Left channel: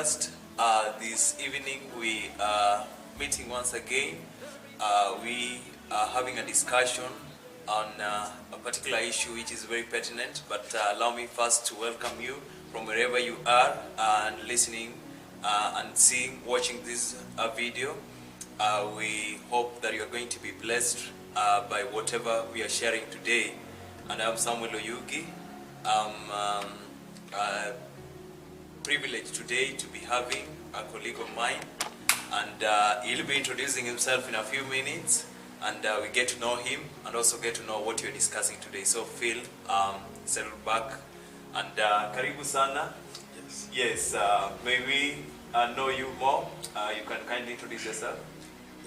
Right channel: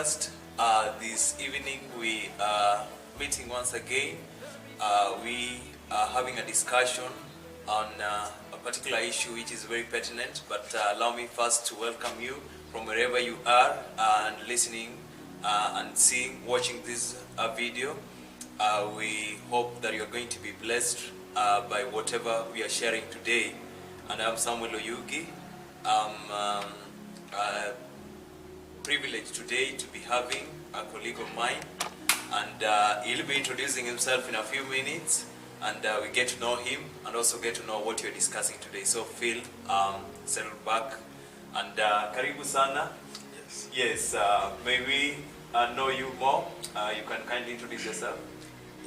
podcast. This evening we are meeting once again. We are having a discussion on a particular issue which is very pertinent, but allow me first to welcome you from wherever you are and listening and seeing, watching this video. We hope that you are going to be blessed by whatever we are sharing today. And I'm Samuel Oyugi. I'm privileged today to be having a colleague of mine, and he'll be introducing himself in a few minutes, and we get to know him and also get to know what we're discussing today. So feel settled back, and karibu sana. Yes, may we know you more. You can kindly introduce yourself.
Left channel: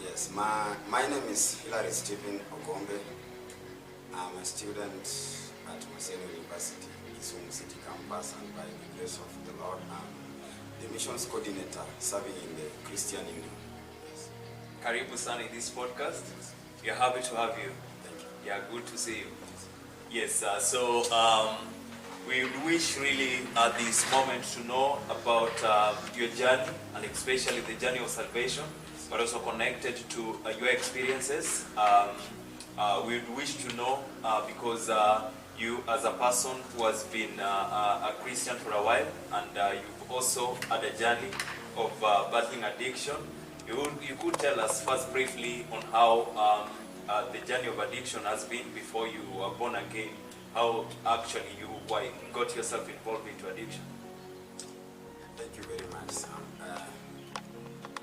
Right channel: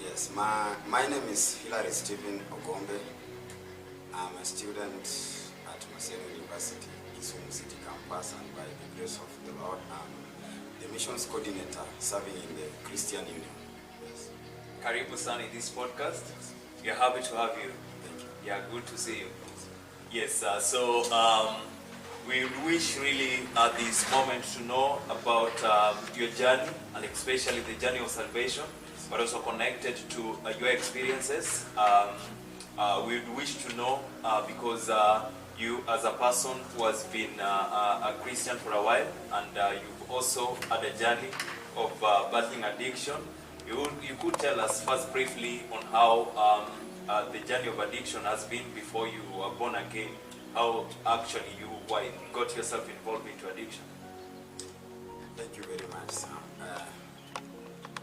Yes, my name is Hilary Stephen Ogombe. I'm a student at Maseno University, Kisumu City Campus, and by the grace of the Lord, I'm the missions coordinator serving in the Christian Union. Yes. Karibu sana in this podcast. We are happy to have you. Thank you. Yeah, good to see you. Yes, so we wish really at this moment to know about your journey, and especially the journey of salvation, but also connected to your experiences. We wish to know because you as a person who has been a Christian for a while, and you've also had a journey of battling addiction. You could tell us first briefly on how the journey of addiction has been before you were born again, how actually you got yourself involved into addiction. Thank you very much, Sam.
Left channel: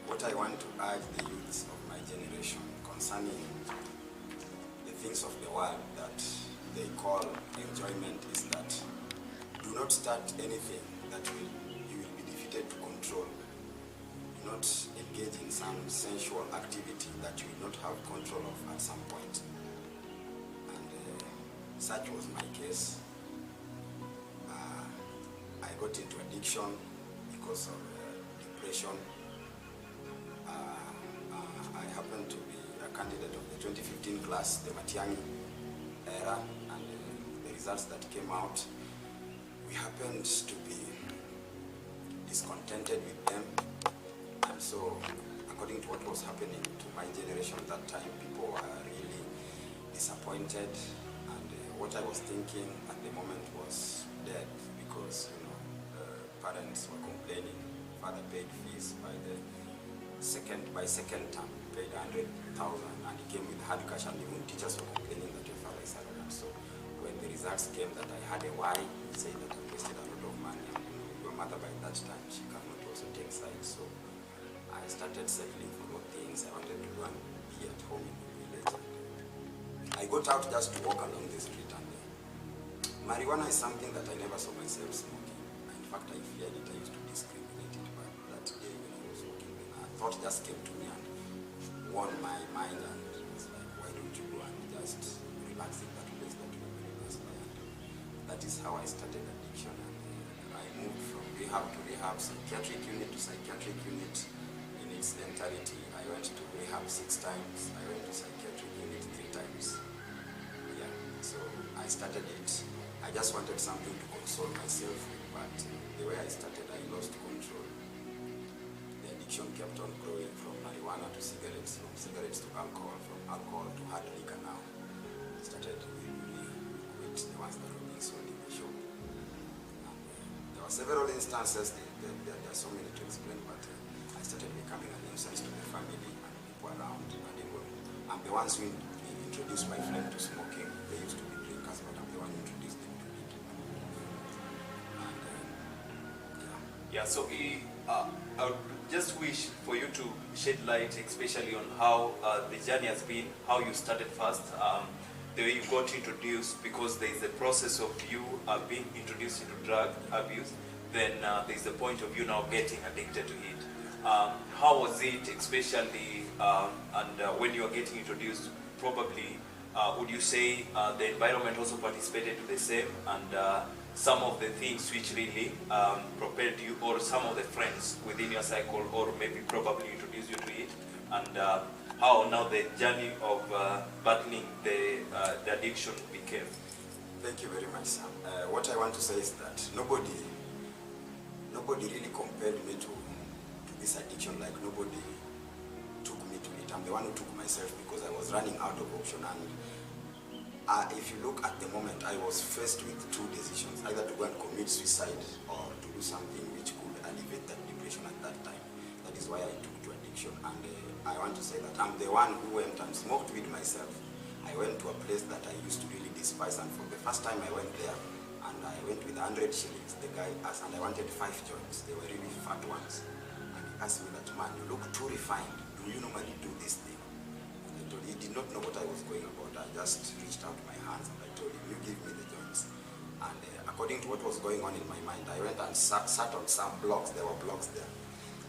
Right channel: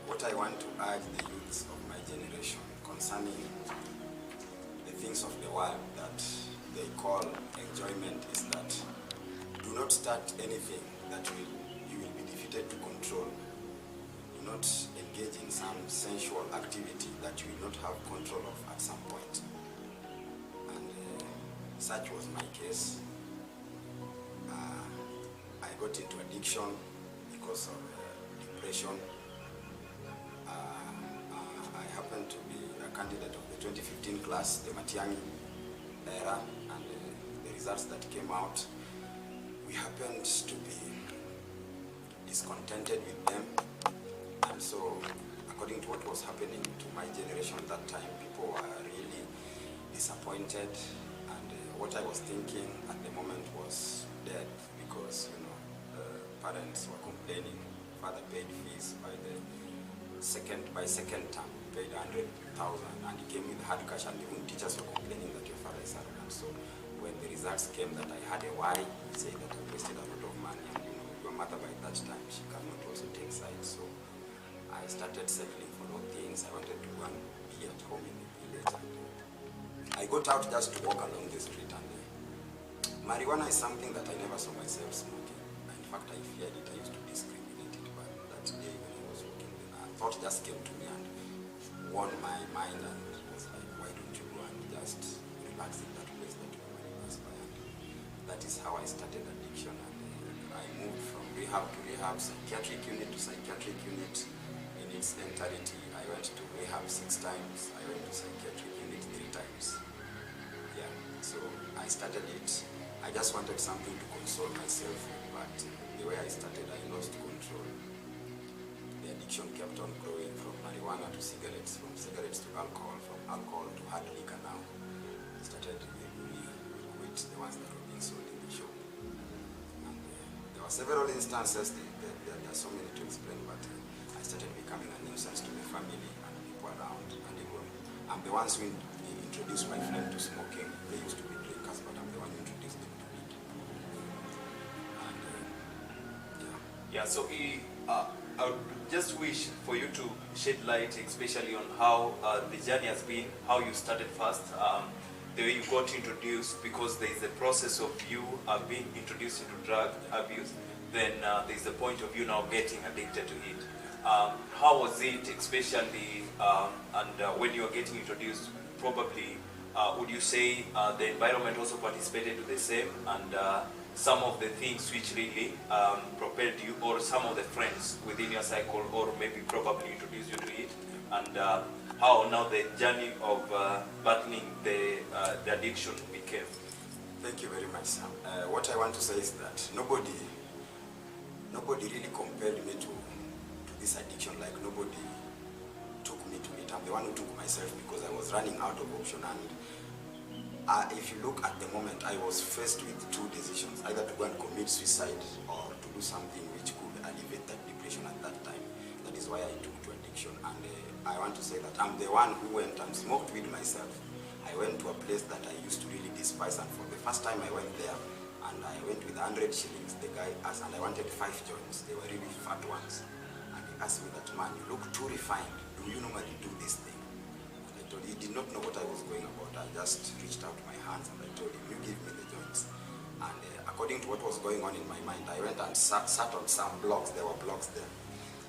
What I want to urge the youths of my generation concerning the things of the world that they call enjoyment is that do not start anything that you will be defeated to control. Do not engage in some sensual activity that you will not have control of at some point. And such was my case. I got into addiction because of depression. I happened to be a candidate of the 2015 class, the Matiang'i era, and the results that came out, we happened to be discontented with them. And so, according to what was happening to my generation at that time, people were really disappointed, and what I was thinking at the moment was dead, because parents were complaining. Father paid fees by second term, paid 100,000, and he came with hard cash, and even teachers were complaining that your father is arrogant. So when the results came that I had a Y, he said that I wasted a lot of money, and your mother by that time, she cannot also take sides. So I started settling for those things. I wanted to go and be at home in the village. And I got out just to walk along the street, and marijuana is something that I never saw myself smoking. In fact, I feared it. I used to discriminate it, but that day when I was walking, then a thought just came to me and warned my mind, and it was like, why don't you go and just relax in that place that you already passed by? And that is how I started addiction, and I moved from rehab to rehab, psychiatric unit to psychiatric unit in its entirety. I went to rehab 6 times. I went to psychiatric unit 3 times. Yeah, so I started it. I just wanted something to console myself with, but the way I started, I lost control. The addiction kept on growing from marijuana to cigarettes, from cigarettes to alcohol, from alcohol to hard liquor now. I started really quit the ones that were being sold in the shop. And there were several instances, there are so many to explain, but I started becoming a nuisance to the family and people around. And even, I'm the ones who introduced my friend to smoking. They used to be drinkers, but I'm the one who introduced them to weed. And Yeah, so I would just wish for you to shed light, especially on how the journey has been, how you started first, the way you got introduced, because there is a process of you being introduced into drug abuse, then there is the point of you now getting addicted to it. How was it, especially, and when you were getting introduced, probably, would you say the environment also participated to the same, and some of the things which really propelled you, or some of the friends within your cycle, or maybe probably introduced you to it, and how now the journey of battling the addiction became? Thank you very much, Sam. What I want to say is that nobody nobody really compelled me to this addiction. Like nobody took me to it. I'm the one who took myself because I was running out of option. And if you look at the moment, I was faced with two decisions: either to go and commit suicide or to do something which could alleviate that depression at that time. That is why I took to addiction. And I want to say that I'm the one who went and smoked weed myself. I went to a place that I used to really despise, and for the first time I went there, and I went with 100 shillings. The guy asked, and I wanted 5 joints. They were really fat ones. And he asked me that, "Man, you look too refined. Do you normally do this thing?" And I told him. He did not know what I was going about. I just reached out my hands and I told him, "You give me the joints." And according to what was going on in my mind, I went and sat on some blocks. There were blocks there.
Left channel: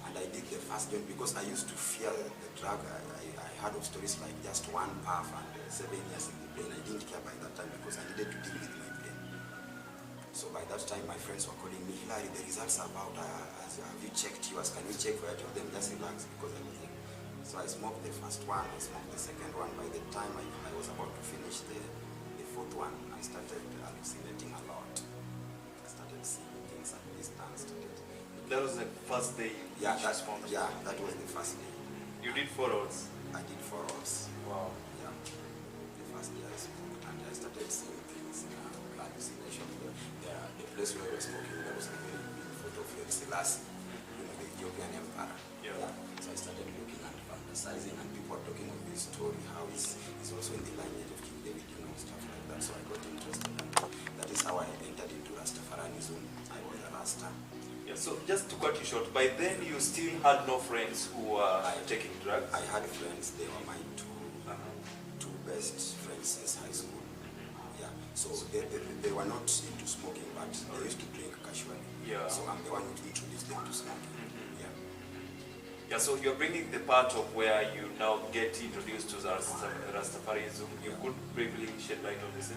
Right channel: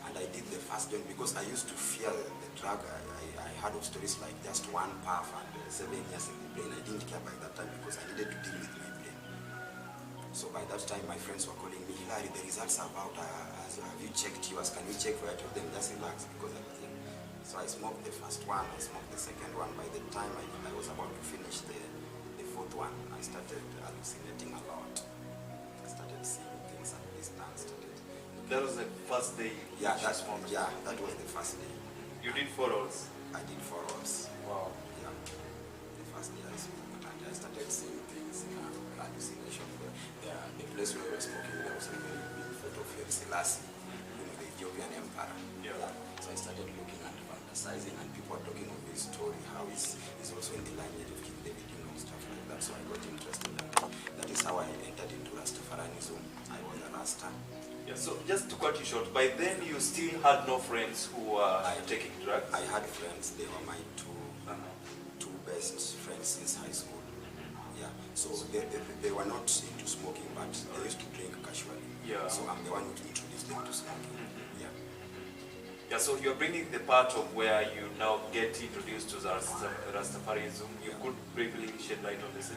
And I did the first joint because I used to fear the drug. I heard of stories like just one puff and 7 years in the brain. I didn't care by that time because I needed to deal with my brain. So by that time, my friends were calling me, "Hilary, the results are out. Have you checked yours? Can you check for it?" I told them, "Just relax," because I was like, so I smoked the first one, I smoked the second one. By the time I was about to finish the fourth one, I started hallucinating a lot. I started seeing things at distance. That was the first day. Yeah, that was the first day. You did 4 hours. I did 4 hours. Wow. Yeah. The first day I smoked, and I started seeing things in hallucination. The place where we were smoking, there was a very big photo of Selassie, the Ethiopian emperor. Yeah. So I started looking and fantasizing, and people were talking of his story, how he's also in the lineage of King David, stuff like that. So I got interested, and that is how I entered into Rastafarianism. I was a Rasta. Yeah, so just to cut you short, by then you still had no friends who were taking drugs? I had friends. They were my two best friends since high school. Yeah, so they were not into smoking, but they used to drink casually. Yeah. So I'm the one who introduced them to smoking. Yeah. Yeah, so you're bringing the part of where you now get introduced to Rastafarianism. You could briefly shed light on this?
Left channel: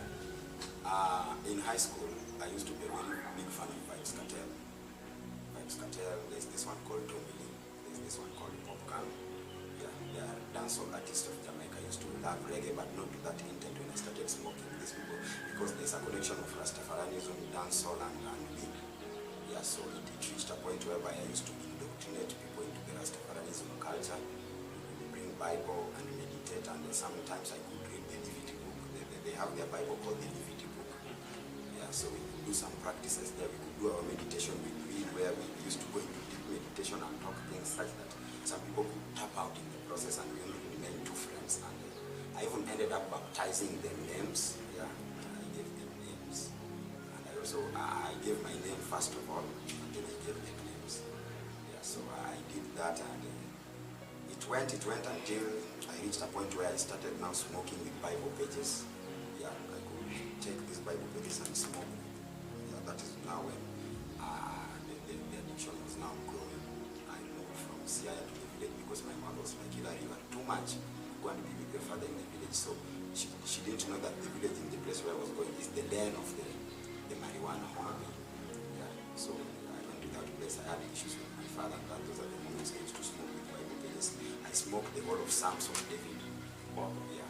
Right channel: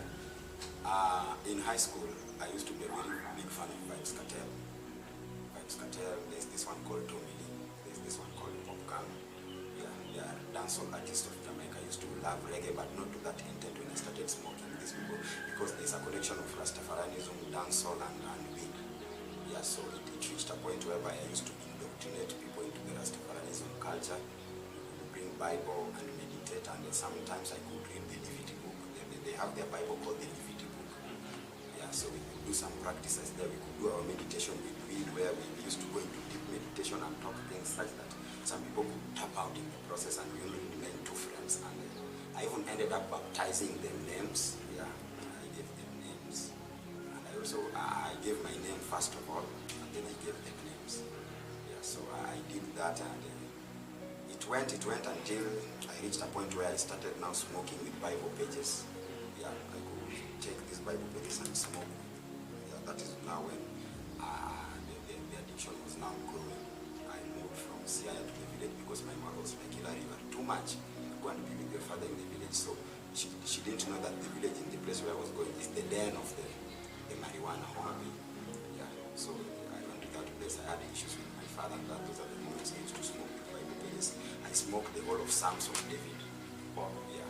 In high school, I used to be a very big fan of Vibes Cartel. There's this one called Tommy Lee, there's this one called Popcorn. Yeah, they are dancehall artists of Jamaica. I used to love reggae, but not to that intent when I started smoking these people, because there's a connection of Rastafarianism, dancehall, and weed. Yeah, so it reached a point whereby I used to indoctrinate people into the Rastafarianism culture, bring Bible and meditate, and sometimes I could read the Levity book. They have their Bible called the Levity book. Yeah, so we could do some practices there. We could do our meditation with weed, where we used to go into deep meditation and talk things such that some people could tap out in the process, and we only remained 2 friends. And I even ended up baptizing them names. Yeah, I gave them names. And I gave my name first of all, and then I gave them names. Yeah, so I did that, and it went until I reached a point where I started now smoking with Bible pages. Yeah, I could take these Bible pages and smoke. Yeah, that is now when the addiction was now growing. I moved from Siaya to the village because my mother was like, "Hilary, you are too much. Go and be with your father in the village." So she didn't know that the village, in the place where I was going, is the den of the marijuana hobby. Yeah, so I went to that place. I had issues with my father, and those are the moments I used to smoke with Bible pages. I smoked the whole of Psalms of David. Wow. Yeah.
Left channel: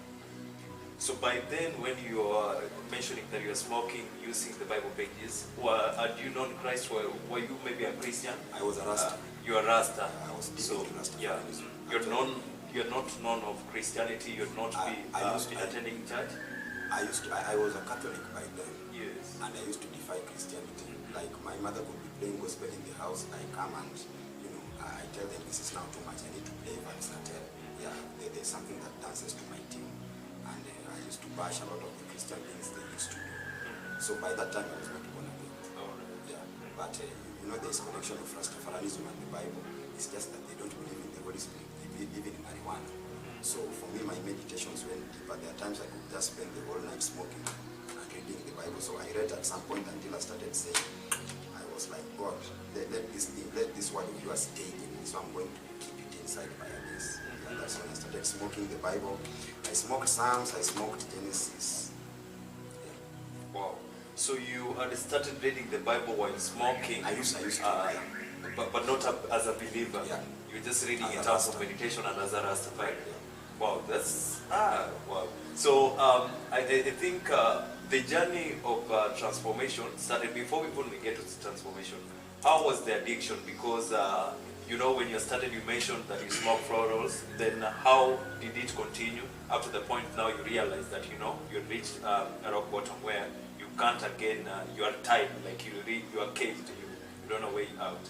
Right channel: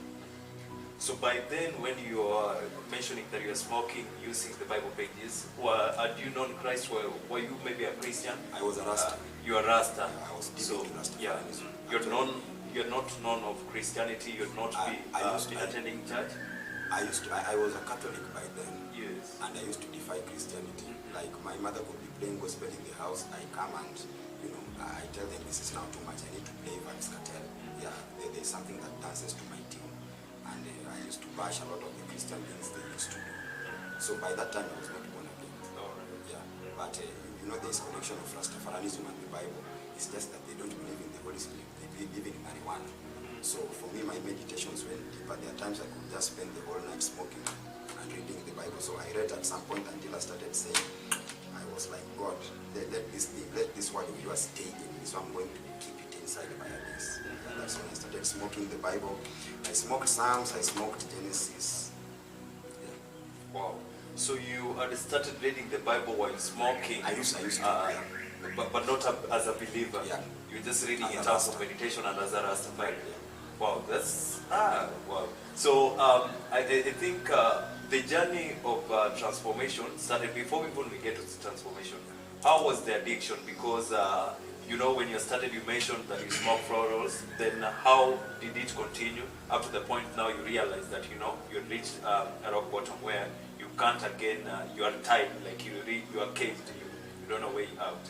So by then, when you are mentioning that you are smoking using the Bible pages, had you known Christ? Were you maybe a Christian? I was a Rasta. You are Rasta. Yeah, I was deep So into Rasta. yeah, you're not known of Christianity. You're not been attending church. I was a Catholic by then. Yes. And I used to defy Christianity. Like my mother could be playing gospel in the house. I come and I tell them, "This is now too much. I need to play Vibes Cartel." Yeah, there's something that dances to my tune. And I used to bash a lot of the Christian things they used to do. So by that time I was not born again. Yeah, but there's connection of Rastafarianism and the Bible. It's just that they don't believe in the Holy Spirit. They believe in marijuana. So for me, my meditations went deeper. There are times I could just spend the whole night smoking and reading the Bible. So I read at some point until I started saying, I was like, "God, let this word of yours stay in me. So I'm going to keep it inside by this." Yeah, that's when I started smoking the Bible. I smoked Psalms, I smoked Genesis. Yeah. Wow. So you had started reading the Bible while smoking. I used to, yeah. But not as a believer. Yeah. You're just reading As in a terms of Rasta. meditation and as a Rastafari. Yeah. Wow, that's wow. So I think the journey of transformation started before even we get to transformation. how was the addiction? Because you know, when you started, you mentioned that you smoke florals. Then how did it continue up to the point now you realize that, you know, you reached a rock bottom where you can't again, you are tied, like you are caged, you don't know way out.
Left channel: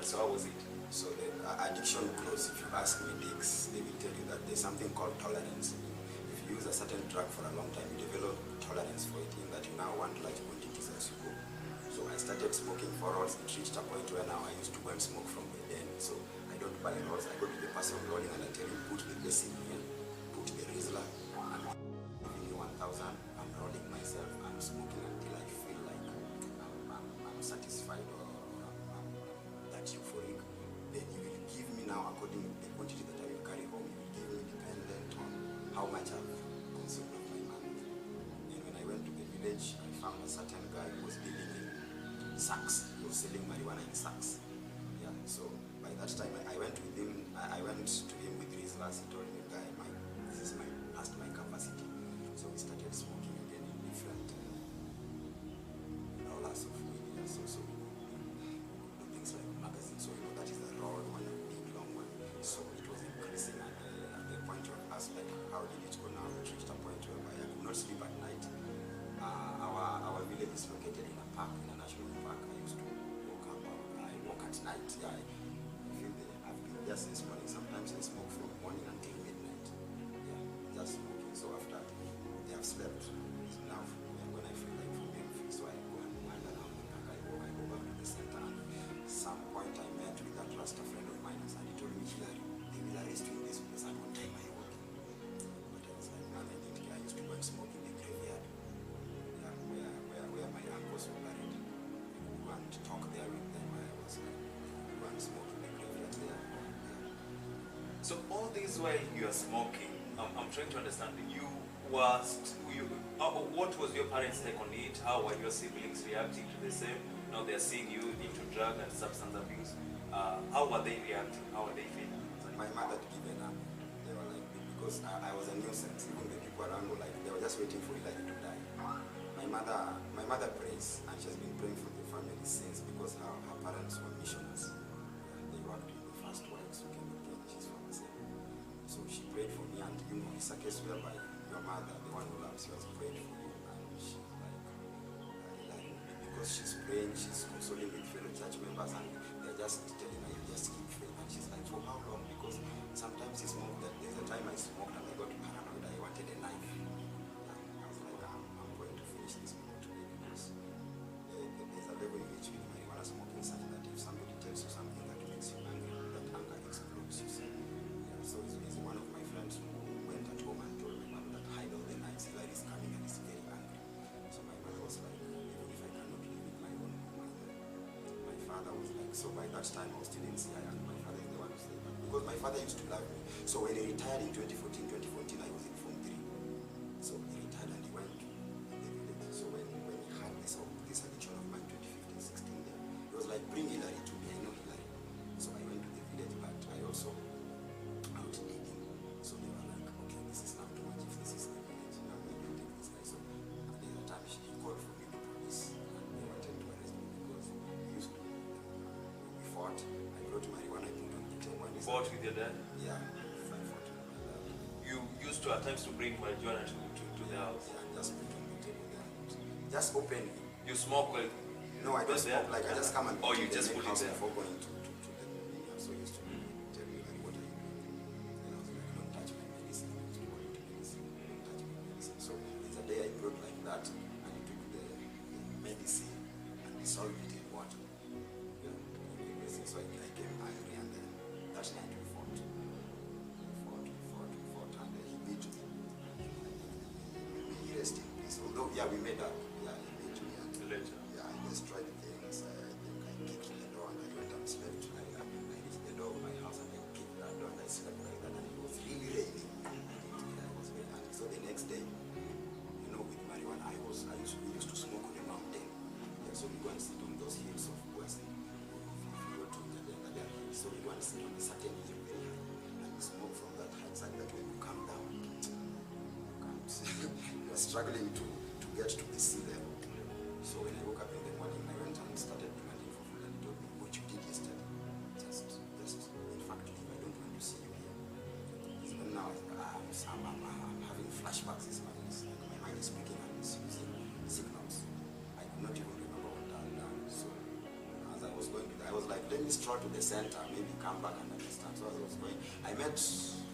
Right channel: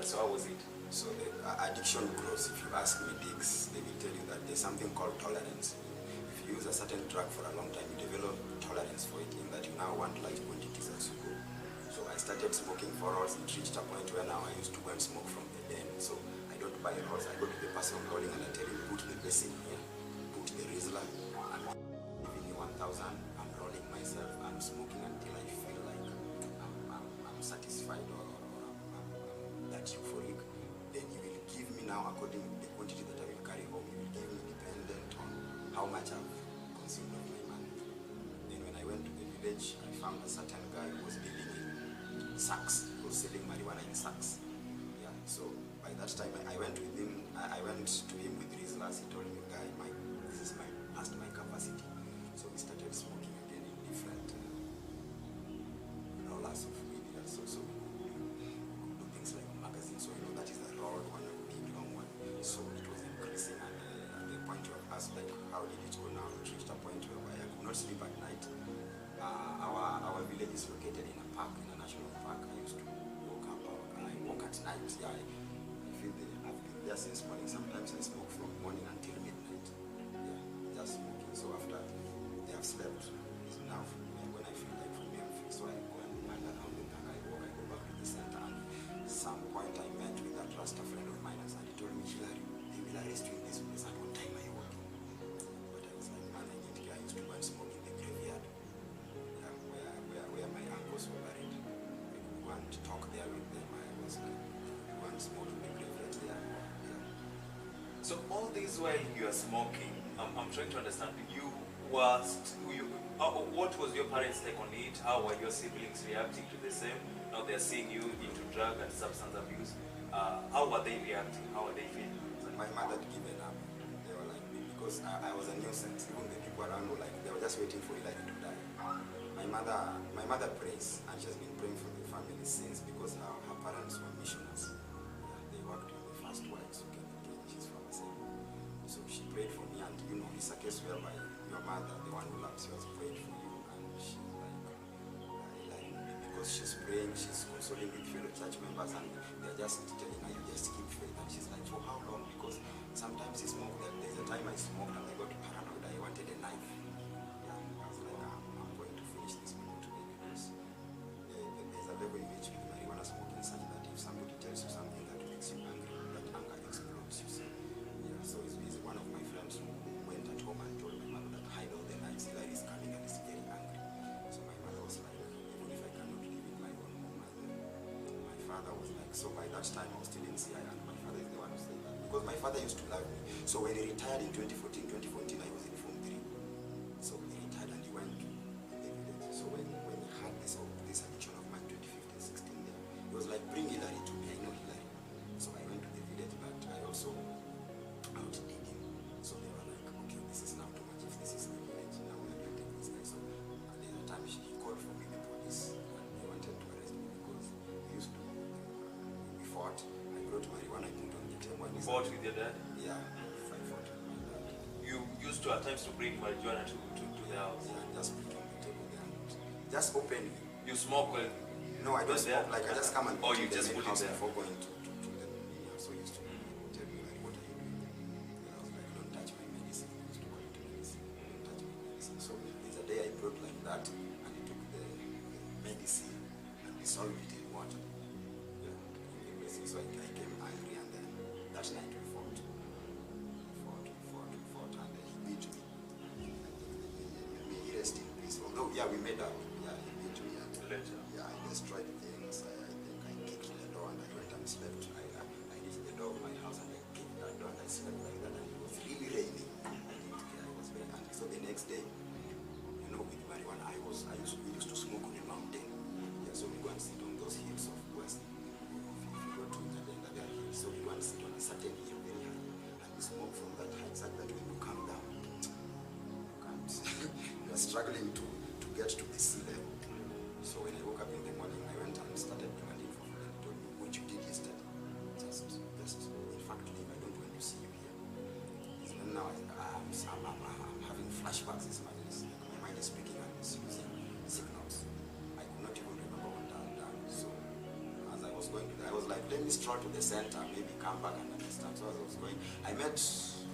So how was it? So the addiction grows. If you ask medics, they will tell you that there's something called tolerance. If you use a certain drug for a long time, you develop tolerance for it, in that you now want large quantities as you go. So I started smoking for rolls. It reached a point where now I used to go and smoke from the den. So I don't buy rolls. I go to the person rolling and I tell him, put the basic in, put the Rizla, and giving you 1,000. I'm rolling myself. I'm smoking until I feel like I'm satisfied or I'm that euphoric. Then you will give me now, according to the quantity that I will carry home, you will give me dependent on how much I've consumed of my money. And when I went to the village, I found a certain guy who was dealing in sacks. He was selling marijuana in sacks. Yeah. So by that time, I went with him. I went to him with Rizlas. He told me, guy, this is past my capacity. So we started smoking again in different rollers of weed. Yeah. So we do things like a magazine. So you know that is the rolled one, a big long one. So it was increasing at the point of us, like, how did it go now? It reached a point where I could not sleep at night. Our village is located in a park, in a national park. I used to walk at night. Yeah, I feel I've been there since morning. Sometimes I smoke from morning until midnight. Yeah, just smoking. So after they have slept, it's now when I feel like for me, so I go and wander around the park. I walk, I go back to the center. And some point I met with that Rasta friend of mine, and he told me, Hilary, they will arrest you in this place. At what time are you working? But I was like, man, I didn't care. I used to go and smoke in the graveyard. Where my uncles were buried. I could go and talk there with them. I was like, go and smoke in the graveyard there. Yeah. So all this while you are smoking, I'm trying to understand, what was your parents' take on it? How were your siblings reacting to the same? Now they're seeing you into drug and substance abuse. How were they reacting? How were they feeling? My mother had given up. They were like, because I was a nuisance. Even the people around were like, they were just waiting for Hilary to die. My mother prays, and she has been praying for the family since, because her parents were missionaries. Yeah, they worked with the first wives who came in Kenya. She's from Assembly. So she prayed for me, and you know, it's a case whereby your mother, the one who loves you, has prayed for you, and she's like, because she's praying, she's consoling with fellow church members, and they're just telling her, you just keep faith. And she's like, for how long? Because sometimes there's a time I smoked and I got paranoid. I wanted a knife. Yeah, I was like, I'm going to finish this people today, because there's a level in which with marijuana smoking such that if somebody tells you something that makes you angry, that anger explodes, you see. Yeah, so it's one of my friends who went at home and told my mother that hide all the knives, Hilary is coming and is very angry. So my mother was like, even if I cannot live in my own home, my father was like, so by that time I was still in CI, and my father is the one who said that, because my father used to love me. So when he retired in 2014 I was in Form 3. So he retired and he went in the village. So when he had this addiction of mine, 2015-16 there, he was like, bring Hilary to me, I know Hilary. So I went to the village, but I also outdid him. So they were like, okay, this is now too much. If this is the village, now we are going to take this guy. So at the other time he called for me, the police, and they wanted to arrest me, because we fought. I brought marijuana, I put on the table. You fought with your dad? Yeah, I fought with my dad. You used to at times to bring marijuana to the house? Yeah, just put on the table there. Just open. You smoke well? No, I don't smoke. Like, I just come and you in the just main put it house there before going to the main house. So he used to tell me, like, what are you doing? And I was like, don't touch my medicine. I used to call it medicine. Don't touch my medicine. So there's a day I brought like that, and he took the medicine and dissolved it in water. Yeah, so I came angry, and then that night we fought. And he beat me. May he rest in peace. Although, yeah, we made up. Yeah, he beat me. And later? Yeah, I destroyed things. I think I kicked the door, and I went and slept. I reached the door of my house, and I kicked that door, and I slept like that. And it was really raining. I was very angry. So the next day, you know, with marijuana, we used to smoke on a mountain. Yeah, so we go and sit on those hills of West. If you go to the hills, so we go and sit on a certain hill very high, and we smoke from that height, such that when you come down, you can't. You are struggling to get to the sea level. So when I woke up in the morning, I went and started demanding for food, and he told me, go twisted. Just, in fact, leave. I don't want to see you here. Even now, I'm having flashbacks. My mind is speaking and it's using signals. I could not even remember what I had done. So, as I was going to, I was like, let me stroll to the center, maybe come back and understand. So as I was going, I met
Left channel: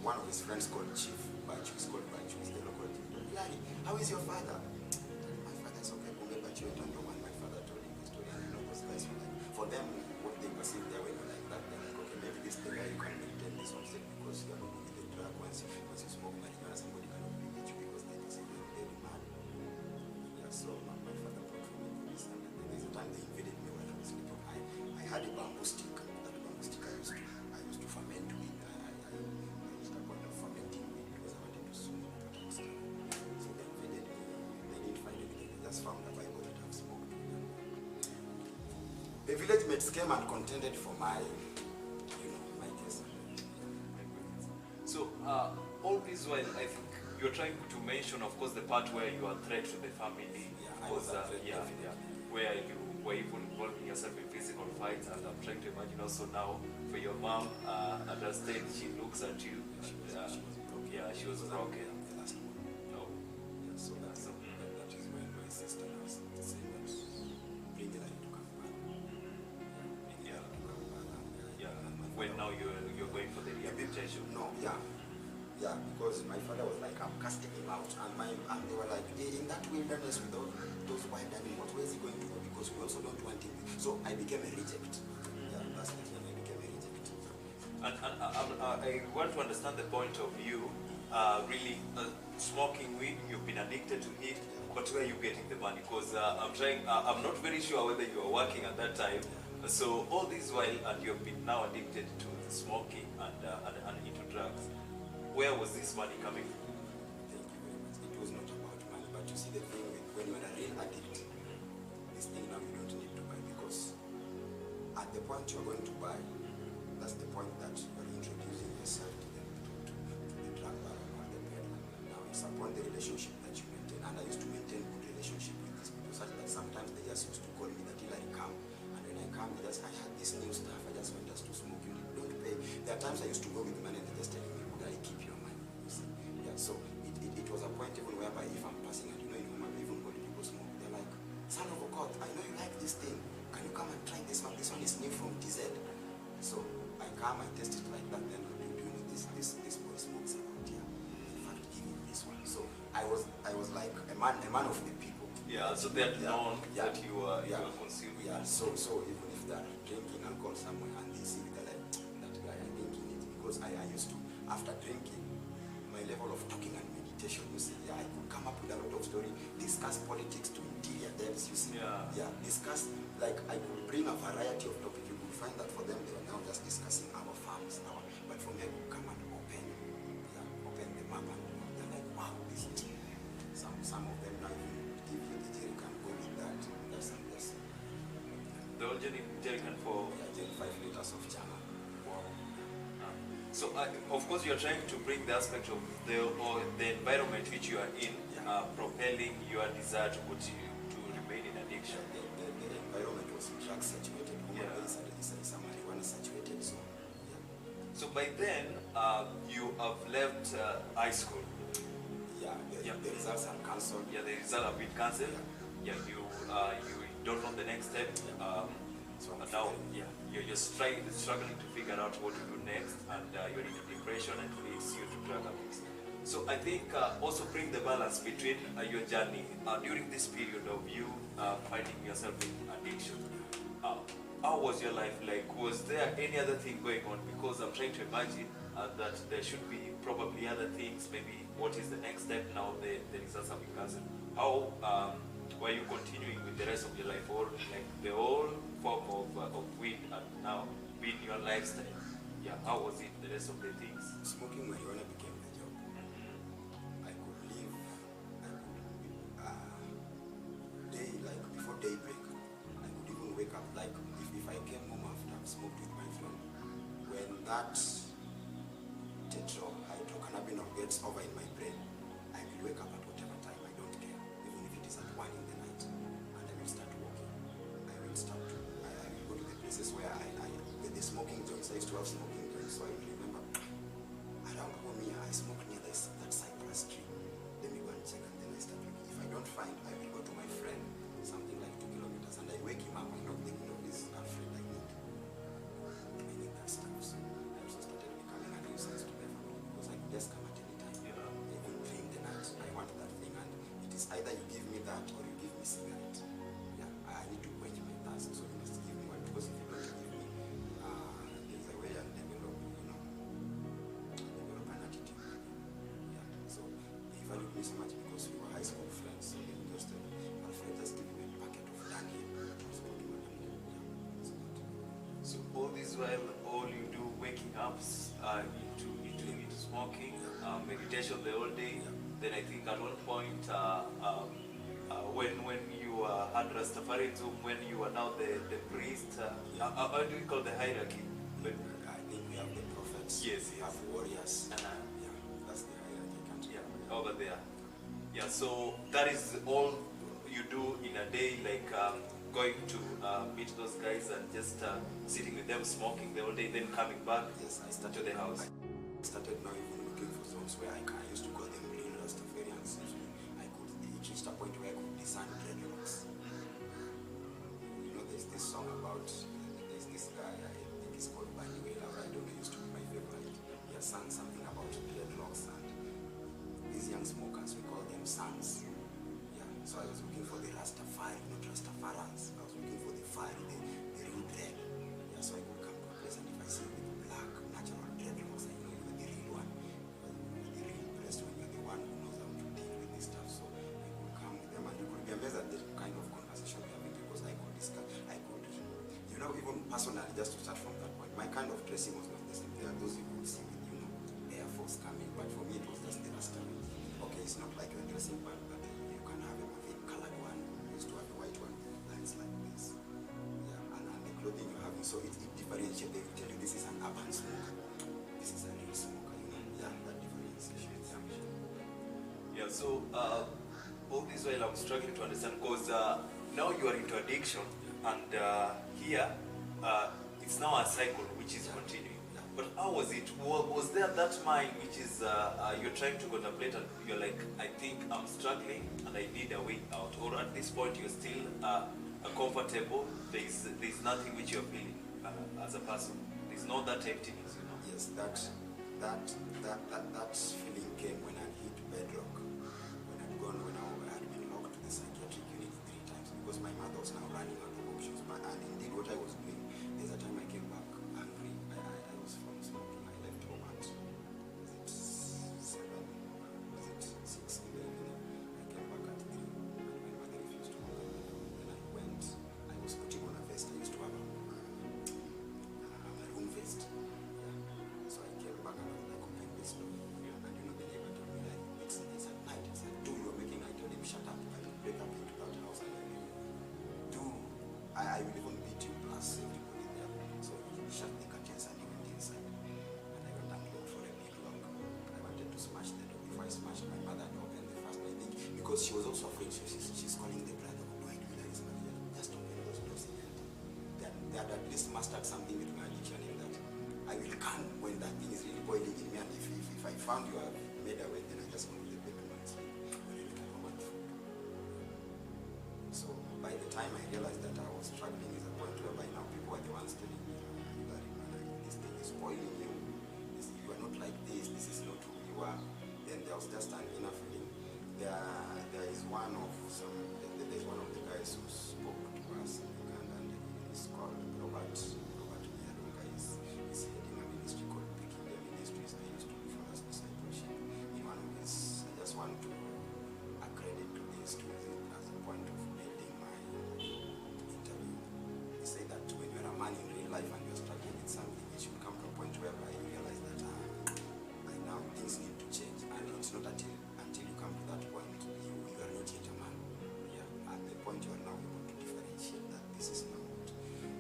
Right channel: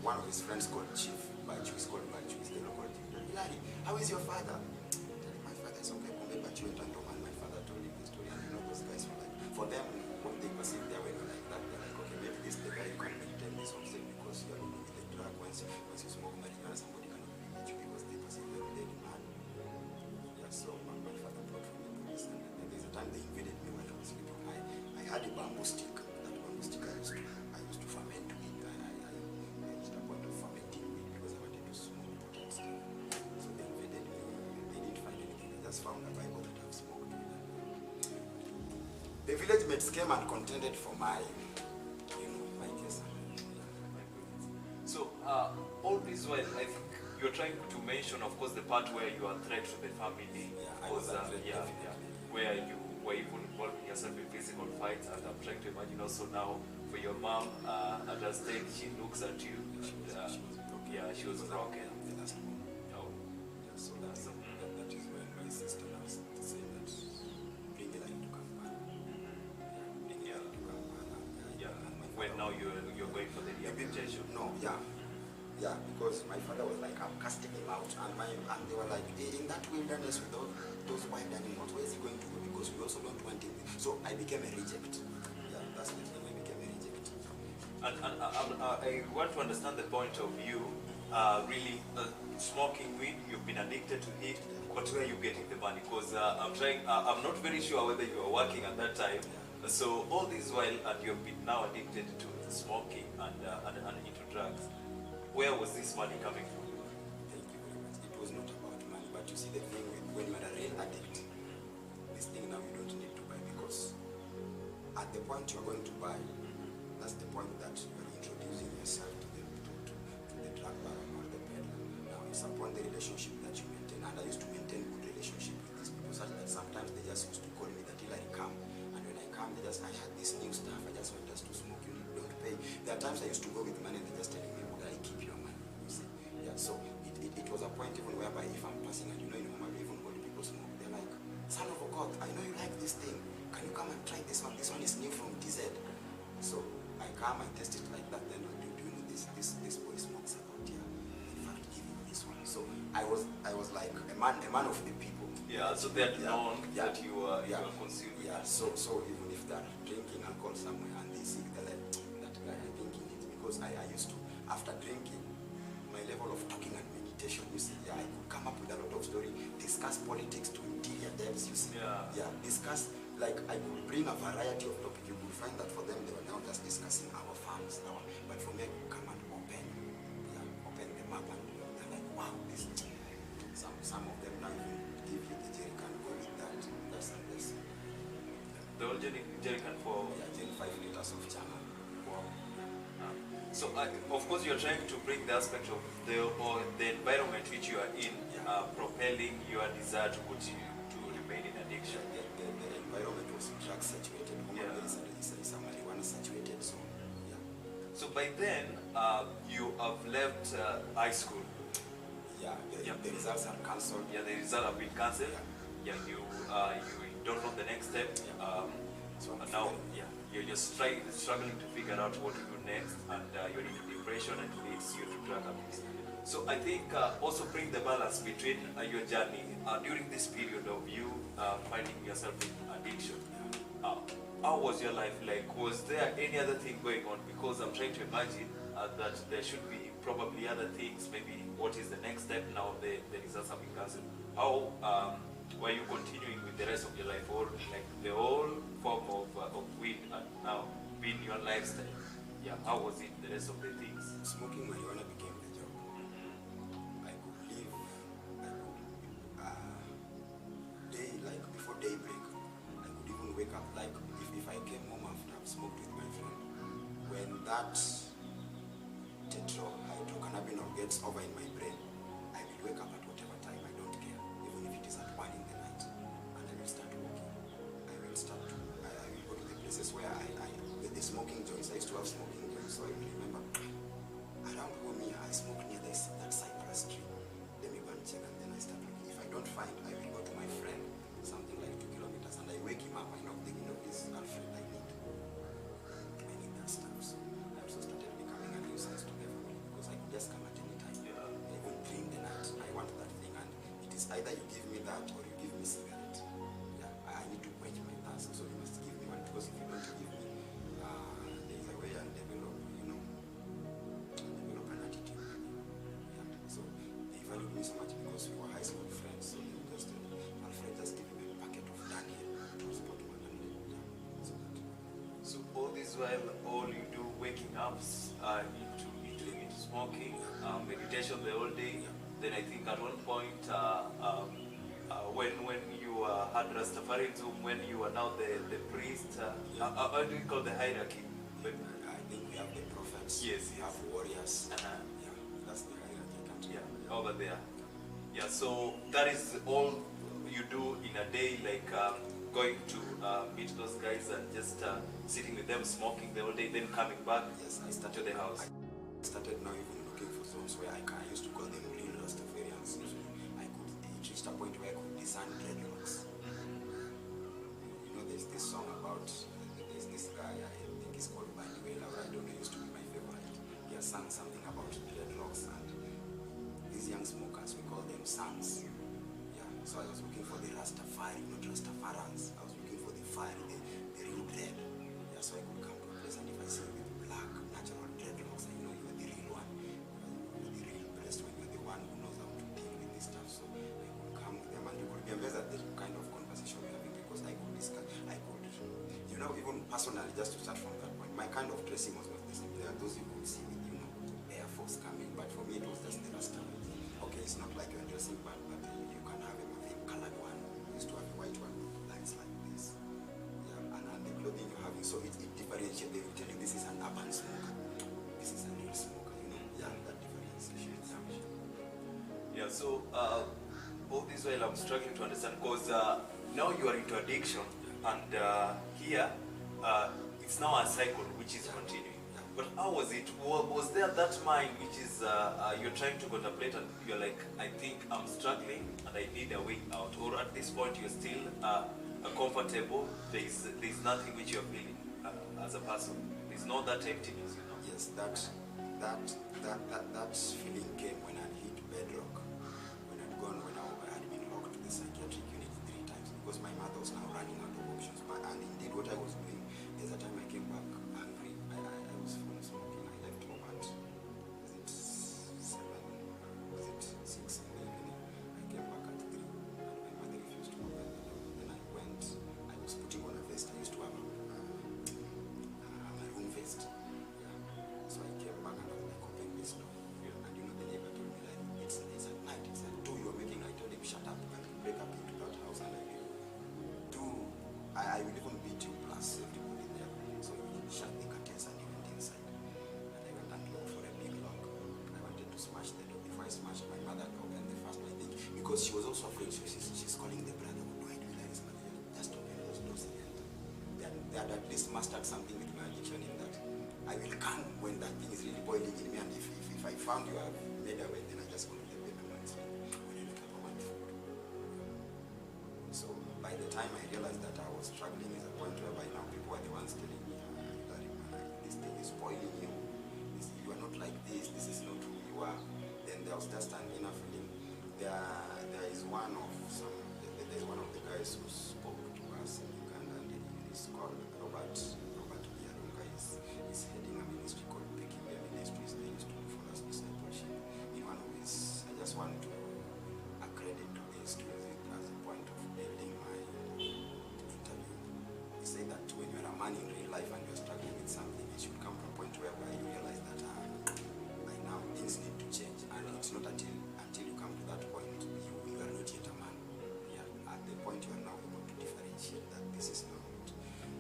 one of his friends called Chief. He's called Bachu, he's the local chief. Yeah, how is your father? My father is okay. Bachu went and my father told him the story. And you know, those guys were like, for them, what they perceive their way like that, they're like, okay, maybe this is the guy you can maintain this homestead because you are not with the drug. Once you smoke marijuana, somebody cannot be with you because they perceive them really mad. Yeah, so my father brought for me police, and there's a time they invaded me while I was sleeping. I had a bamboo stick. That bamboo stick I used to ferment with. I reached a point of fermenting weed because I wanted to smoke potent stuff. So they invaded me. They didn't find anything. They just found a Bible that I've smoked with. The village mates came and contended for my case. So all this while, I think you're trying to mention, of course, the part where you are a threat to the family. Yeah, I was a threat, where you were even involving yourself in physical fights, and I'm trying to imagine also now for your mom, at that stage, she looks at you. She was broken. The last one. Oh. Yeah, so that is when my sister was saying that bring it to Kampala. Bring it to Kampala. When now you're going for the rehabilitation. No, yeah, because my father was like, I'm casting him out, and they were like, in that wilderness with all those wild animals, where is he going to go? Because we also don't want him. So I became a reject. Yeah, that's the thing. I became a reject. And I want to understand the point of view. Really, smoking weed, you've been addicted to it, but where are you getting the money? Because I'm not very sure whether you were working at that time. So all this while, and you've been now addicted to smoking and into drugs. Where was this money coming from? Thank you very much. It was not about money, but you see the thing with when you're a real addict, this thing now you don't need to buy, because at the point you're going to buy, that's the point that you're introducing yourself to the drug baron or the peddler. Now it's upon the relationship that you maintain, and I used to maintain good relationship with these people, such that sometimes they just used to call me that Hillary come, and when I come, I had this new stuff, I just want us to smoke, you don't pay. There are times I used to go with money and they're just telling me, would I keep your money? You see? Yeah, so it was a point even whereby if I'm passing and in Homa, even when people smoke, they're like, son of a God, I know you like this thing, can you come and try this one? This one is new from TZ. So I come, I test it like that, then do you know this boy smokes about here? In fact, give him this one. So I was like a man of the people. Yeah, so they had known that you were consuming. Yeah, so even if they're drinking alcohol somewhere and they see that that guy, I think he needs, because I used to, after drinking, my level of talking and meditation, you see, I could come up with a lot of story, discuss politics to interior depths, you see. Discuss, like I could bring a variety of topics. You would find that for them, they were now just discussing our farms, but for me, I could come and open the map, and they're like, wow, this, some of them now even give you the jerrycan, go with that. That's a blessing. The old jerrycan for? Yeah, 5 liters of chana. Wow. So, of course, you're trying to bring the aspect of the environment which you are in, propelling your desire to remain in addiction. The environment was drug saturated. It's a marijuana saturated, so yeah. So by then, you have left high school. Yeah, the results are cancelled. Yeah, the results have been cancelled. Yeah, you don't know the next step. So now, you're struggling to figure out what to do next, and you're into depression, and it leads you to drug abuse. So I think also bring the balance between your journey during this period of you finding yourself in addiction. How was your life like? Was there any other thing going on? Because I'm trying to imagine that there should be probably other things. Maybe what is the next step now? The results have been cancelled. How were you continuing with the rest of your life, or like the whole form of weed and now being your lifestyle? Yeah, how was it, the rest of the things? Smoking marijuana became the job. I could live, like before daybreak, I could even wake up, like if I came home after I've smoked with my friend, when that tetrahydrocannabinol gets over in my brain, I will wake up at whatever time, I don't care, even if it is at 1 in the night, and I will start walking. I will go to the places where I smoking joints. I used to have smoking joints, so I remember around home here, I smoke near that cypress tree. Let me go and check, and then I start looking. If I don't find, I will go to my friend, something like 2 kilometers, and I wake him up. I knock the window, please, Alfred, I need that stuff. So I also started becoming a nuisance to their family because I could just come at any time. Yeah. I even dream the night. I want that thing, and it is either you give me that or you give me cigarette. Yeah, I need to quench my thirst, so you must give me one, because if you don't give me, there is a way I'll develop, develop an attitude. Yeah. So they valued me so much because we were high school friends. So they just Alfred, just give me a packet of Daniel. So all this while, all you do waking up into smoking, meditation the whole day. Yeah. Then I think at one point, when you had Rastafarianism, when you are now the priest, how do we call the hierarchy? But, I think we have the prophets. Yes, We have warriors. Uh-huh. Yeah, that's the hierarchy. I can't remember. over there. Yeah, so that is all you do in a day, like going to meet those guys and just sitting with them, smoking the whole day, then coming back Yes, I to started the house. I started now even looking for zones where I used to call them real Rastafarians. So it reached a point where I could discern dreadlocks. You know, there's this song about, there's this guy, I think he's called Manuel, I don't know, used to be my favorite. He has sung something about dreadlocks, and these young smokers, we call them sons. Yeah, so I was looking for the Rastafari, not Rastafarans. I was looking for the fire, the real dread. Yeah, so I could come to a place, and if I see you with black, natural dreadlocks, I know you are the real one. You are the real best when you're the one who knows how to deal with this stuff. So I could come with them, and you could be amazed at the kind of conversation we're having, because I could discuss, even personally, just to start from that point, my kind of dressing was not the same. There are those you could see with, Air Force coming, but for me it was just the Rasta. Okay, it's not like you're dressing bad, but you can have a maroon colored one. You used to have a white one with lines like this. Yeah, and the clothing you're having, so it differentiates. They will tell you this is an urban smoker, this is a real smoker, Yeah, that differentiation. Yeah, so all this while I'm struggling to understand, because now you are into addiction, and here it's now a cycle which is continuing. But how was it? Was there that mind which is you're trying to contemplate, and you're like, I think I'm struggling and I need a way out? Or at this point you're still comfortable, there's nothing which you're feeling as a person? There's not that emptiness, Yes, that feeling came when I hit bedrock. When I had been locked to the psychiatric unit 3 times, because my mother was now running out of options. And indeed what I was doing, there's a time I came back hungry. I was from smoking. I left home at, was it 7, was it 6 in the evening? I came back at 3, and my mother refused to open the door. Then I went, I was putting on a vest. I used to have a maroon vest. Yeah. So I came back and I was like, open this door. And the neighbor told me, like, it's at night, it's at 2 you're making. I told him, shut up. I will break up into that house and I will do, I will even beat you plus everybody there. So he shut the curtains and he went inside. And I went and looked for a big lock. I wanted to smash the door. Before I smashed, my mother had opened the first one, I think, because she was also afraid. So she's calling the brother, what do I do like this? Just open those doors again. They had at least mastered something with my addiction, in that I will come when that thing is really boiling in me, and if I found you have made away, then I just go to the bedroom and sleep. When I wake up, I want food. So by the time I realized that I was struggling, is a point whereby now people are the ones telling me, this thing is spoiling you. You are not like this. This is not who you are. Then there was just an inner feeling. There's one of the guys who spoke to us in Uganda, and he's called Robert Biarunga. He's heading a ministry called Peculiar Ministries. They used to do for us discipleship. In one of his, I just want to accredit to this, to use it as a point of building my interview. He said that when you're a man in real life and you're struggling with something, it should come to a point whereby you realize that now things need to change, and it's not until you come to that point you are not yet a man. Yeah, at the point you are now able to differentiate that this is not.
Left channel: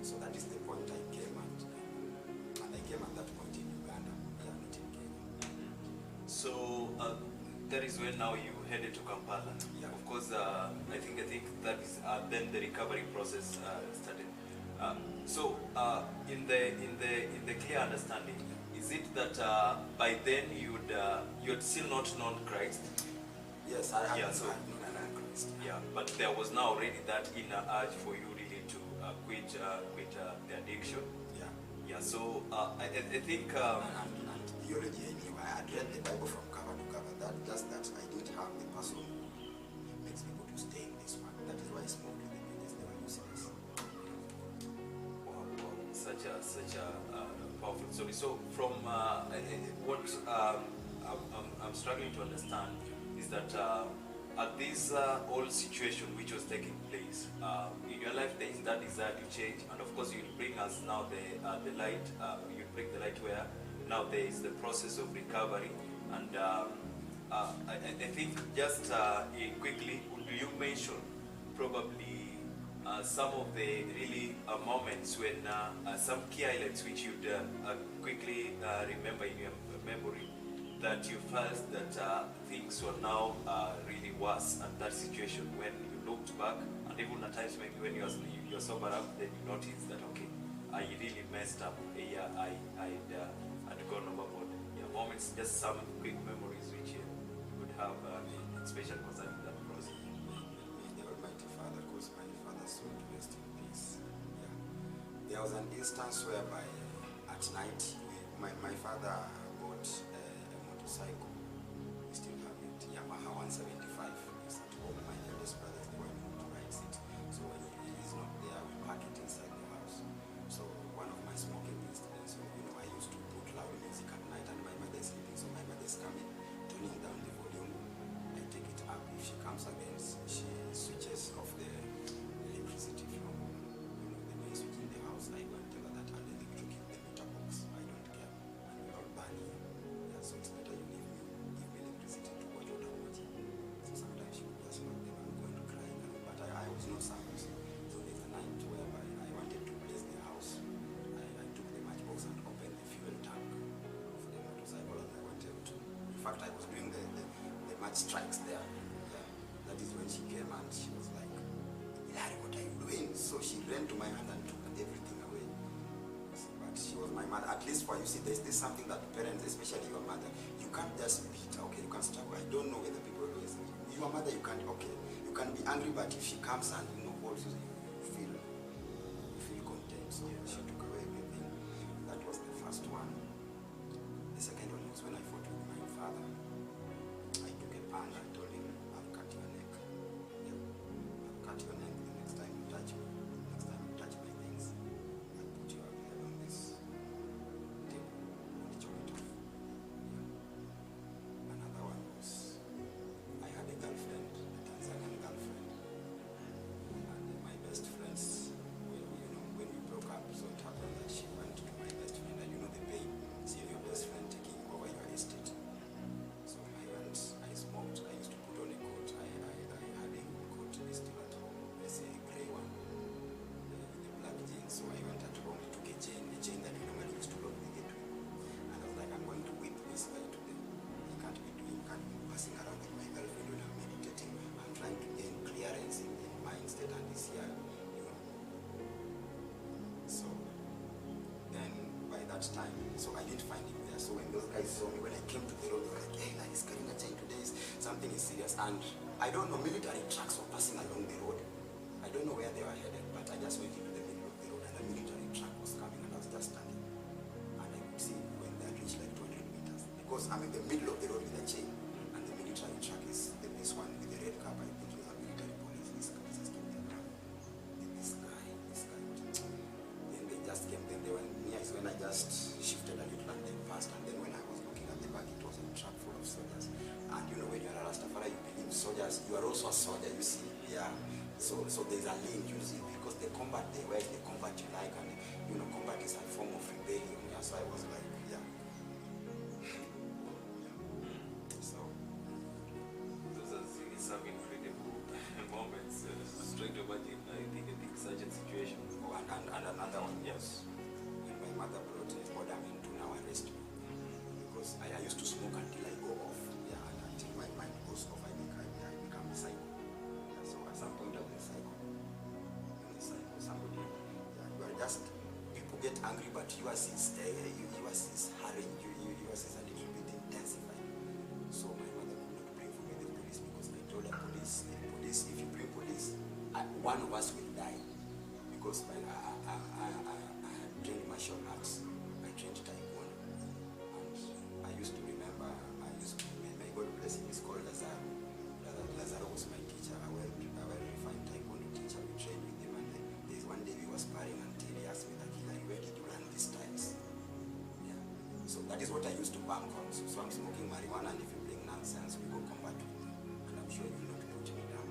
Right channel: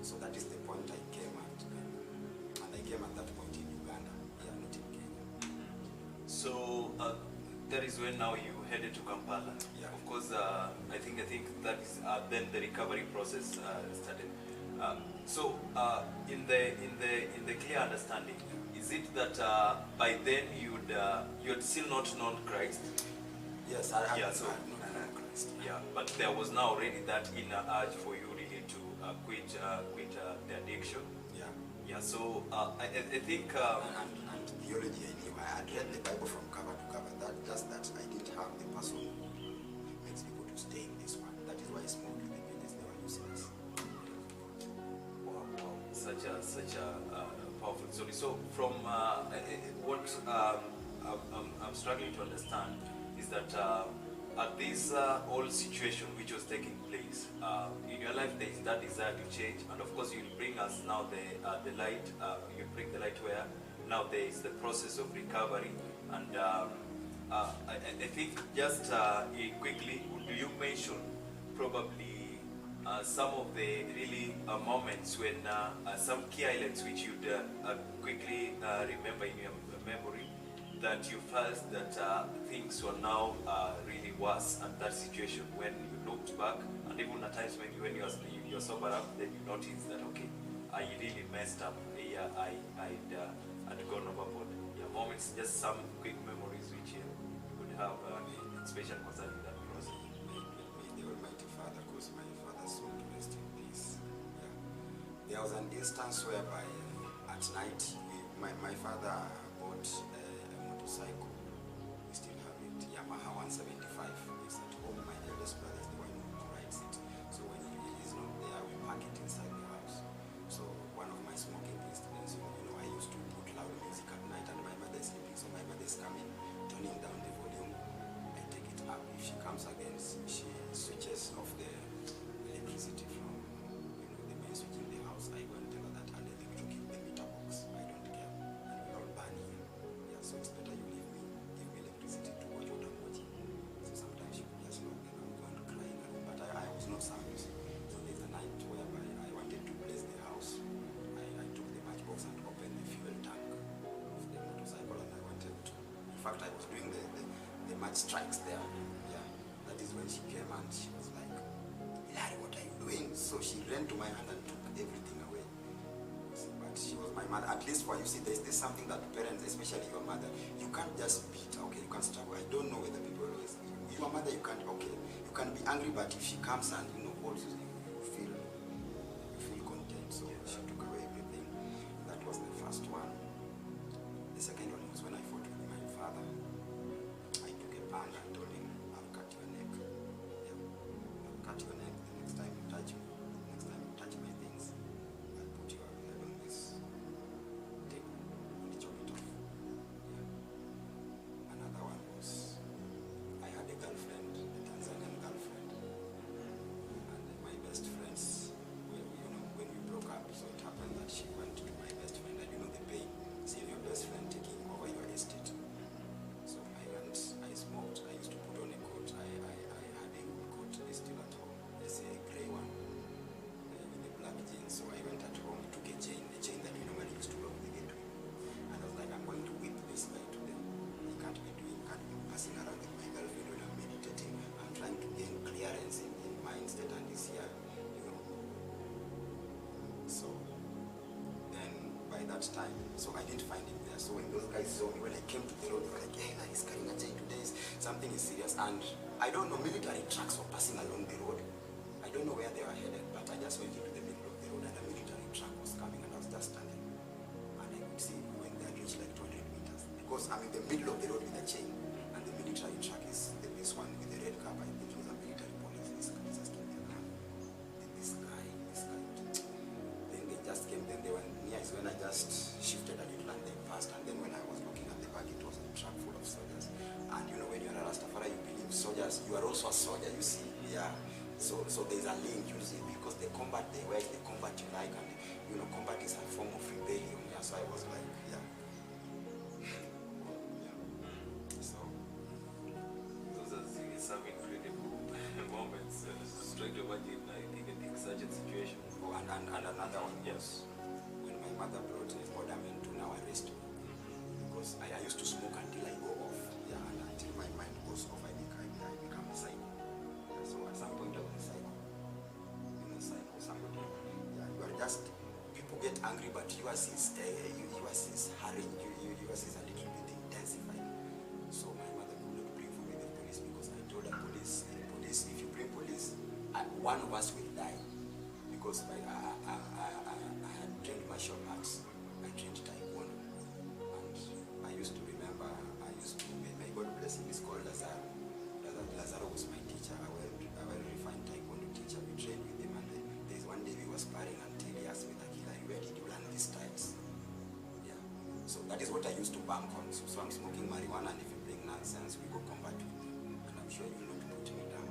So that is the point I came at, and I came at that point in Uganda, yeah, not in Kenya. So that is when now you headed to Kampala. Yeah. Of course, I think that is then the recovery process started. In the clear understanding, is it that by then you'd still not known Christ? Yes, I had Yeah, not so known Christ. yeah, but there was now already that inner urge for you really to quit the addiction. Yeah. Yeah, so I think And theology, I knew. I had read the Bible from cover to cover. Just that I didn't have the person who makes people to stay in this one. That is why I smoked with the pages. They were useless. wow, such a powerful story. So from what I'm struggling to understand is that at this whole situation which was taking place in your life, there is that desire to change, and of course you'll bring us now the light. You bring the light where now there is the process of recovery, and I think just quickly, do you mention probably some of the really moments when some key highlights which you'd quickly remember in your memory, that you felt that things were now really worse, and that situation when you looked back, and even at times maybe when you're sober up, then you notice that okay, I really messed up. Yeah, I'd gone overboard. Yeah, moments, just some quick memories which you would have, especially concerning that process. May the Almighty Father cause my father's soul to rest in peace. Yeah. There was an instance whereby at night, my father bought a motorcycle. We still have it, Yamaha 175. It's at home. My eldest brother is the one who rides it. So when he is not there, we park it inside the house. So one of my smoking incidents, I used to put loud music at night, and my mother is sleeping. So my mother is coming, turning down the volume. I take it up. If she comes again, she switches off the electricity from the main switch in the house. I go and tell her that I'll electrocute the meter box. I don't care, and we all burn here. Yeah, so it's better you give me electricity to watch what I'm watching. So sometimes she could just look, I'm going to cry, but I was not serious. So there's a night whereby I wanted to bless the house. I took the matchbox and opened the fuel tank of the motorcycle, and I wanted to. In fact, I was doing the match strikes there. Yeah, that is when she came and she was like, "Larry, what are you doing?" So she ran to my hand and took everything away. But she was my mother. At least for you see, there's this something that parents, especially your mother, you can't just beat. Okay, you can struggle. I don't know whether people always. Your mother, you can't. Okay, you can be angry, but if she comes and holds you, you feel content. So she took away everything. That was the first one. The second one was when I fought with my father. I took a pan and told him, "I'll cut your neck. Yeah, I'll cut your neck. The next time you touch me, next time you touch my things, I'll put your head on this table and chop it off." Yeah. Another one was, I had a girlfriend, a Tanzanian girlfriend, and my best friends, when we broke up, so it happened that she went to my best friend, and the pain, seeing your best friend taking over your estate. So I went, I smoked, I used to put on a coat. I had a good coat, it's still at home. Let's say a grey one with a black jeans. So I went at home, took a chain that we normally used to lock the gate with. And I was like, I'm going to whip this guy to them. He can't be passing around with my girlfriend when I'm meditating. I'm trying to gain clearance in mind state, and this here, So then by that time, so I didn't find him there. So when those guys saw me, when I came to the road, they were like, "Hey, he's carrying a chain today. Something is serious." And I don't know, military trucks were passing along the road. I don't know where they were headed, but I just went into the middle of the road, and a military truck was coming, and I was just standing. And I could see when they had reached like 200 meters. Because I'm in the middle of the road with a chain, and the military truck is this one with the red cap. I think he was a military police. This guy just came there. This guy. Then they just came, then they were near is when I just shifted a little and they passed. And then when I was looking at the back, it was a truck full of soldiers. And when you're a Rastafari, you believe soldiers, you are also a soldier, you see. Yeah. So there's a link, you see, because the combat they wear, the combat you like, and combat is a form of rebellion. Yeah. So I was like, yeah. So those are some incredible moments. Straight to imagine, I think such a situation. Oh, and another one. Yes. When my mother brought a borderman to now arrest me, because I used to smoke until I go off, yeah, and until my mind goes off, I become a psycho. Yeah, so at some point I was a psycho. Somebody, yeah, you are just people get angry, but yours is hurrying. Yours is a little bit intensified. So my mother could not bring for me the police because I told her police, if you bring police, one of us will die. Because I had trained martial arts, I trained taekwondo, and I used to remember, may God bless him, he's called Lazaro. Lazaro was my teacher, a well-refined taekwondo teacher. We trained with him, and there's one day we were sparring until he asked me, Akila, where did you learn these styles? Yeah. So that is what I used to bank on. So I'm smoking marijuana, and if you bring nonsense, we go combat with you. And I'm sure you will not put me down.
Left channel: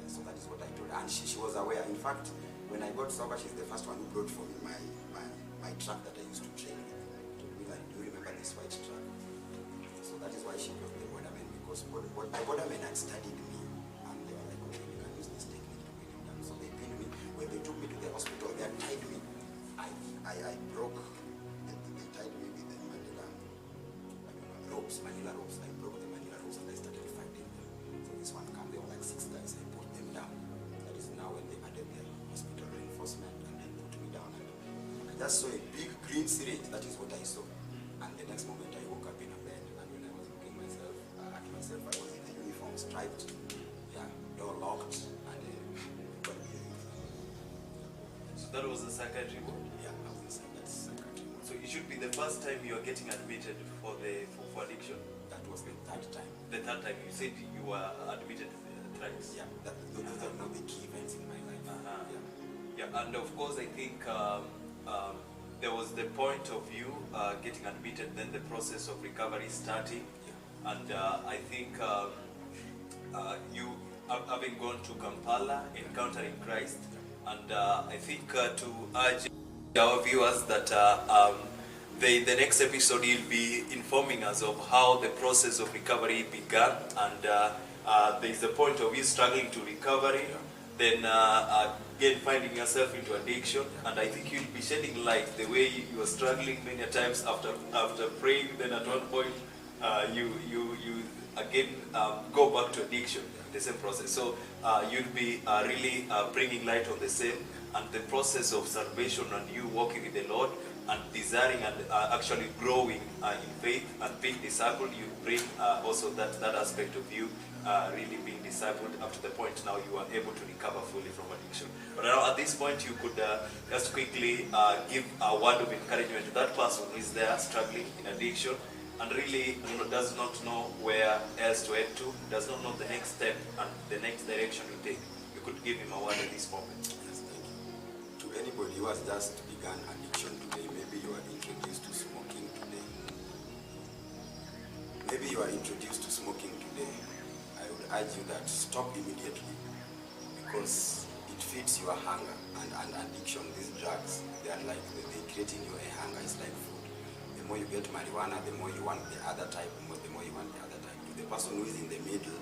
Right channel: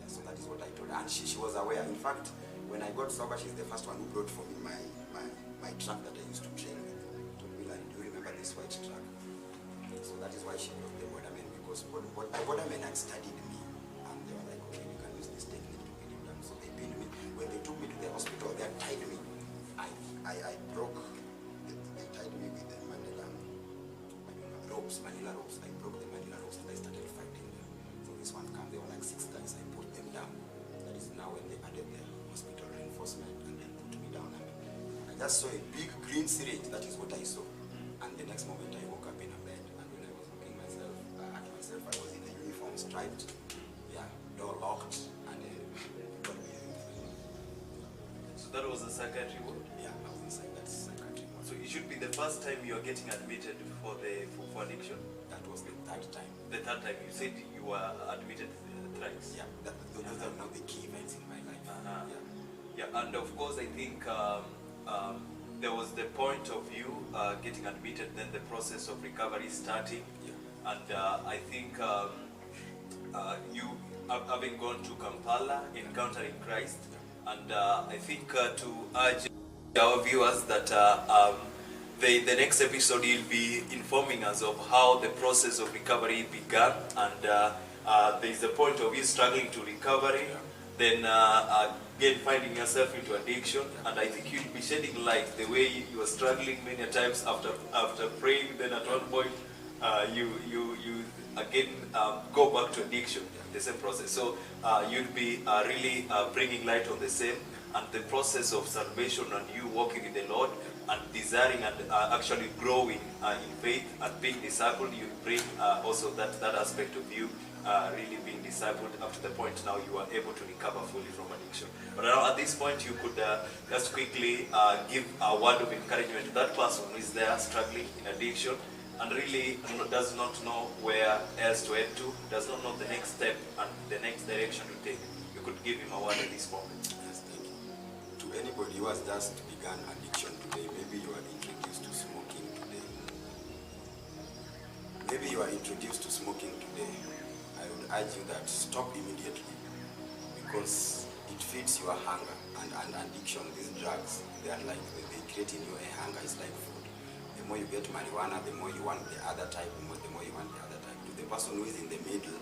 Yeah, so that is what I told her. And she was aware. In fact, when I got sober, she's the first one who brought for me my truck that I used to train with. To be like, do you remember this white truck? So that is why she brought the bordermen, because the bordermen had studied me, and they were like, okay, we can use this technique to pin him down. So they pinned me. When they took me to the hospital, they tied me. I broke. They tied me with the Manila ropes. I broke the Manila ropes, and I started fighting them. So this one came. There were like 6 guys. I put them down. That is now when they added the hospital reinforcement, and they put me down, and I just saw a big green syringe. That is what I saw. And the next moment I woke up in a bed, and when I was looking at myself, I was in a uniform, striped, door locked, and So that was a psychiatry ward? Yeah, I was inside that psychiatry ward. So it should be the first time you are getting admitted for addiction? That was the third time. The third time. You said you were admitted thrice? Yeah, those are not the key events in my life. Yeah, and of course I think there was the point of you getting admitted, then the process of recovery starting, and I think you having gone to Kampala, encountering Christ, and I think to urge our viewers that the next episode you'll be informing us of how the process of recovery began, and there is a point of you struggling to recovery, then again finding yourself into addiction, and I think you'll be shedding light the way you were struggling many times after praying. Then at one point you again go back to addiction, the same process. So you'll be really bringing light on the same, and the process of salvation and you walking with the Lord and desiring and actually growing in faith and being discipled. You bring also that aspect of you really being discipled up to the point now you are able to recover fully from addiction. But now at this point you could just quickly give a word of encouragement to that person who is there struggling in addiction and really does not know where else to head to, does not know the next step and the next direction to take. You could give him a word at this moment. Yes, thank you. To anybody who has just begun addiction today, maybe you are introduced to smoking today. Maybe you are introduced to smoking today. I would urge you that stop immediately, because it feeds your hunger and addiction. These drugs, they are like, they create in you a hunger. It's like food. The more you get marijuana, the more you want the other type, the more you want the other type. To the person who is in the middle,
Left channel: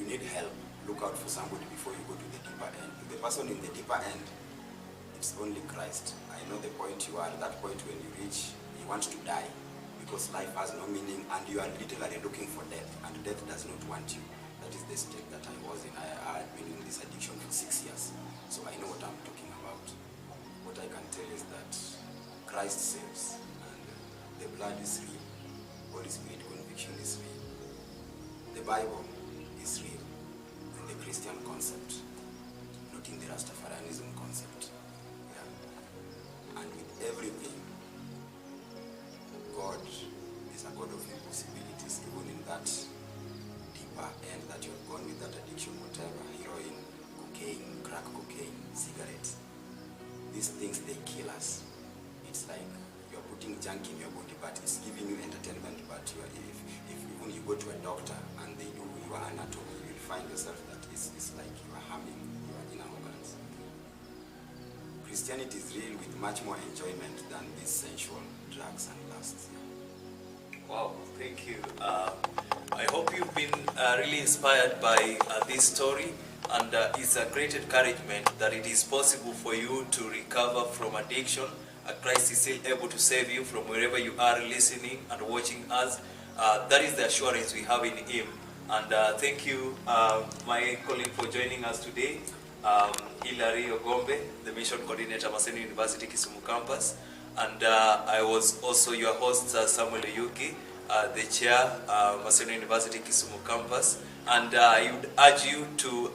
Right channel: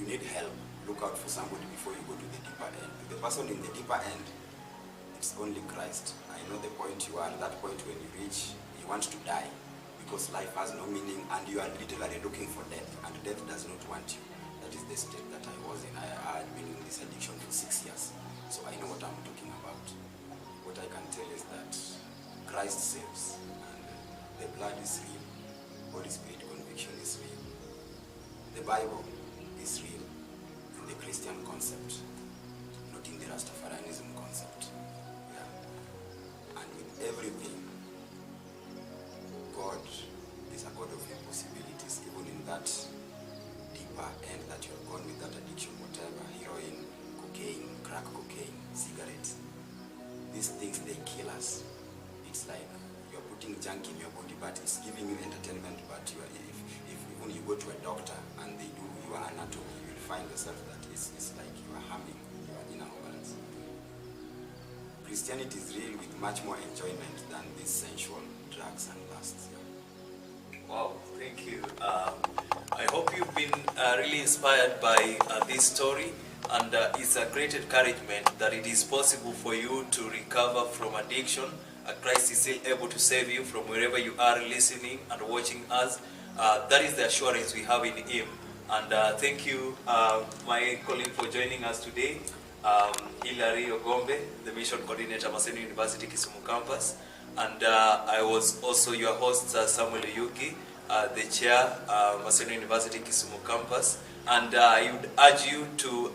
you need help. Look out for somebody before you go to the deeper end. To the person in the deeper end, it's only Christ. I know the point you are, that point when you reach, you want to die, because life has no meaning and you are literally looking for death, and death does not want you. That is the state that I was in. I had been in this addiction for 6 years, so I know what I'm talking about. What I can tell is that Christ saves, and the blood is real. Holy Spirit conviction is real. The Bible is real in the Christian concept, not in the Rastafarianism concept. And with everything, God is a God of impossibilities, even in that deeper end that you have gone with that addiction, whatever, heroin, cocaine, crack cocaine, cigarettes. These things, they kill us. It's like you're putting junk in your body, but it's giving you entertainment, but if even you go to a doctor and they do your anatomy, you'll find yourself that it's like you are harming your inner organs. Christianity is real with much more enjoyment than these sensual drugs and lusts. Wow, thank you. I hope you've been really inspired by this story, and it's a great encouragement that it is possible for you to recover from addiction. Christ is still able to save you from wherever you are listening and watching us. That is the assurance we have in Him. And thank you, my colleague, for joining us today. Hilary Ogombe, the Mission Coordinator, Maseno University, Kisumu Campus. And I was also your host, Samuel Yugi, the Chair, Maseno University, Kisumu Campus. And I would urge you to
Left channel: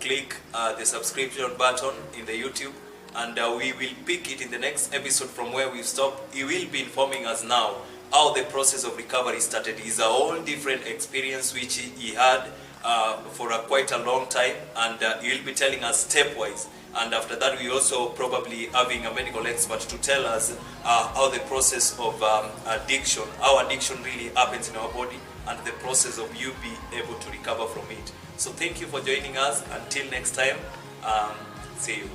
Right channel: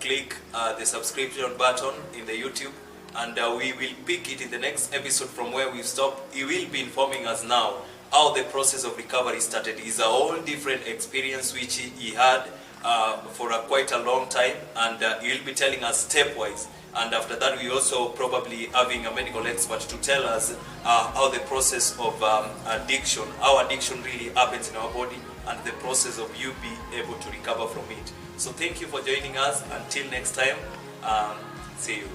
click the subscription button in the YouTube. And we will pick it in the next episode from where we stopped. He will be informing us now how the process of recovery started. It's a whole different experience which he had for quite a long time, and he will be telling us stepwise. And after that, we also probably having a medical expert to tell us how the process of addiction, how addiction really happens in our body, and the process of you be able to recover from it. So thank you for joining us. Until next time, see you.